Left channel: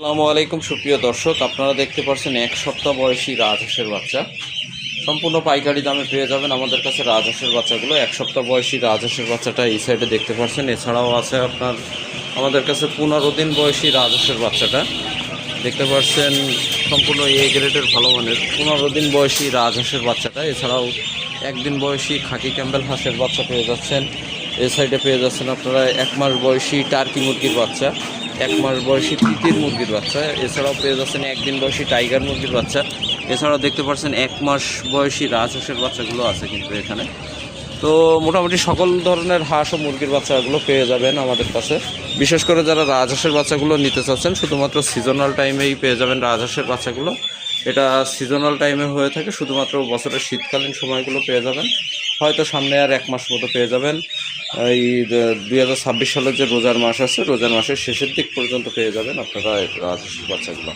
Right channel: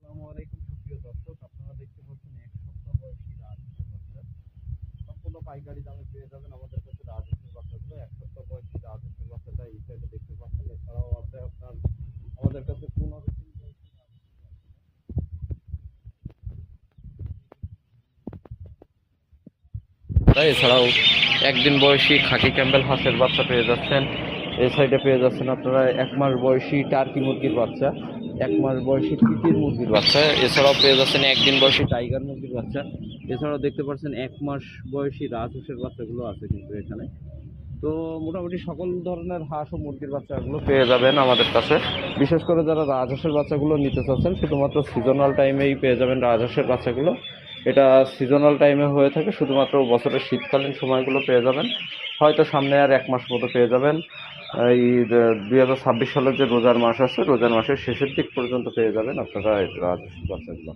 আসসালামু আলাইকুম সুপ্রিয় দর্শক, আপনারা দেখতে পাচ্ছেন এক সপ্তাহ বয়সী রাজহাঁসের বাচ্চা সম্পূর্ণ পাইকারি দামে পেয়ে যাবেন আমাদের কাছে। রাজহাঁসের বাচ্চাগুলো এক সপ্তাহ বয়সী রাজহাঁসের বাচ্চাটা এই সাইডে দেখতে পাচ্ছেন। এছাড়াও আছে আপনার আমাদের কাছে 15 দিন বয়সী রাজহাঁসের বাচ্চাটা দেখতে পাচ্ছেন, সম্পূর্ণ এ গ্রেডের ভালো মানের 15 দিন বয়সী রাজহাঁসের বাচ্চাটা। এছাড়াও একদিন বয়সী খাকি ক্যাম্বেল হাঁসের বাচ্চা পেয়ে যাচ্ছেন। এই সাইডে পেয়ে যাচ্ছেন আপনারা 1 মাস বয়সী টার্কি মুরগির বাচ্চা, 1 মাস বয়সী তিতির মুরগির বাচ্চা। এছাড়াও পেয়ে যাচ্ছেন একদিন বয়সী টাইগার মুরগির বাচ্চা। এছাড়াও দেখতে পাচ্ছেন 1 মাস বয়সী রাজহাঁসের বাচ্চাগুলো আছে কিন্তু এখানে। তো মোটামুটি সকল ধরনের হাঁস ও মুরগির বাচ্চাগুলো পেয়ে যাবেন আমাদের কাছে। বিশেষ করে যারা রাজহাঁসের বাচ্চাগুলো নিতে চাচ্ছেন, শুধুমাত্র সিজনাল টাইমেই পেয়ে যাবেন রাজহাঁসের বাচ্চাগুলো। এটা সিজনাল টাইমে হয়ে থাকে, শুধুমাত্র বছরের শীতকালীন সময়গুলো পেয়ে যাবেন। হয়তো সামনে আর 1 মাস মতো পেয়ে যাবেন। এই 2026 সালের যে রোজার মাস আছে, রোজার মাসের শেষের দিক পর্যন্ত পেয়ে যাবেন আপনারা রাজহাঁসের বাচ্চাগুলো।